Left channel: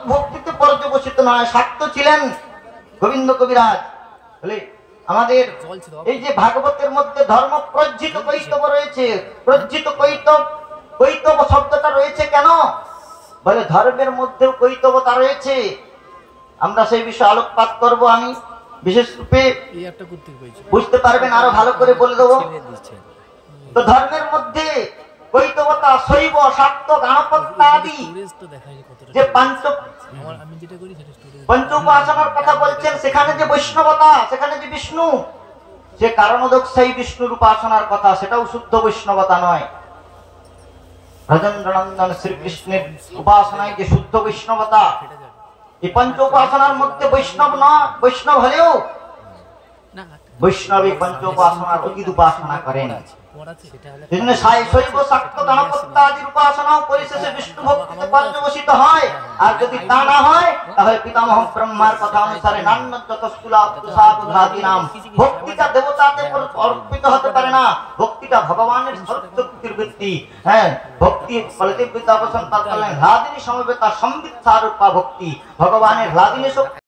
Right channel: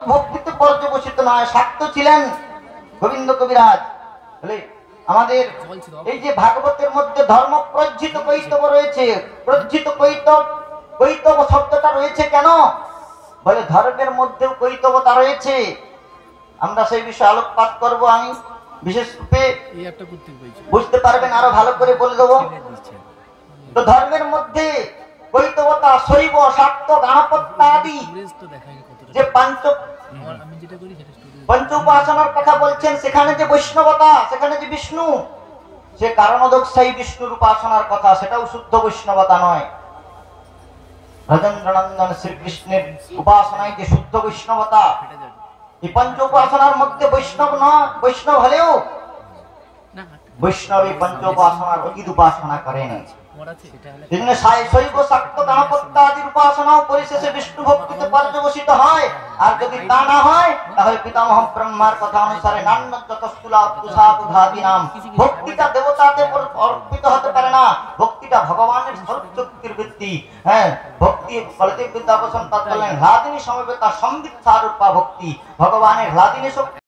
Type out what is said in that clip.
ভক্তিতে পর্যবসিত নয়। শাক্ত ছিলেন গোবিন্দ কবিরাজ। আমাদের এই যে ভাগবতের মধ্যে ধর্ম প্রজ্জিত কৈতব রয়েছে, প্রজ্জিত কৈতব, কৈতব শব্দটা রয়েছে কেন? বলে ধর্মের মধ্যেও কৈতবতা রয়েছে। আমরা সেই বিষয়ে আলোকপাত করব। আমি বিশেষ রূপে বুঝতে পারবেন, আরো ভালো করে বলে দেবো। তো ধর্মের মধ্যে কৈতবতা, শৈব, শাক্ত, গণপত্য আদি যে পঞ্চ উপাসনার কথা বলছেন, সেখানে যে বৈষ্ণবতা, সেখানে যে বিষ্ণু, সে কারণোদকসায়ী বিষ্ণুর উপাসনার কথা, সেটাও শুদ্ধ বৈষ্ণবতা নয়। ব্রজেন্দ্রনন্দন শ্রীকৃষ্ণের উপাসনায় যে শুদ্ধ বৈষ্ণবতা, এই পঞ্চ উপাসনার মধ্যে বৈষ্ণব নয়। বৈষ্ণব হলেও বৈষ্ণব এই পঞ্চ উপাসনার অতীত উপাসনা করেন। শৈব, শাক্ত, গণপত্য আদির উপাসনাও পরিশেষে বিষ্ণু ভক্তিতে পর্যবসিত হয়। আর যদি তা না হয়, তাহলে পিতামহ ব্রহ্মার কথা অনুসারে ভক্তিটা দেবতাদের অর্পিত হতে পারে না। ভক্তিটা ভগবানের শক্তির বৃত্তি। হ্যাঁ, ভক্তি বলদেব বিদ্যাভূষণ তাৎ বললেন হ্লাদিনী সমবেতা সম্বিত সারূপা ভক্তি। ভগবানের হ্লাদিনী শক্তি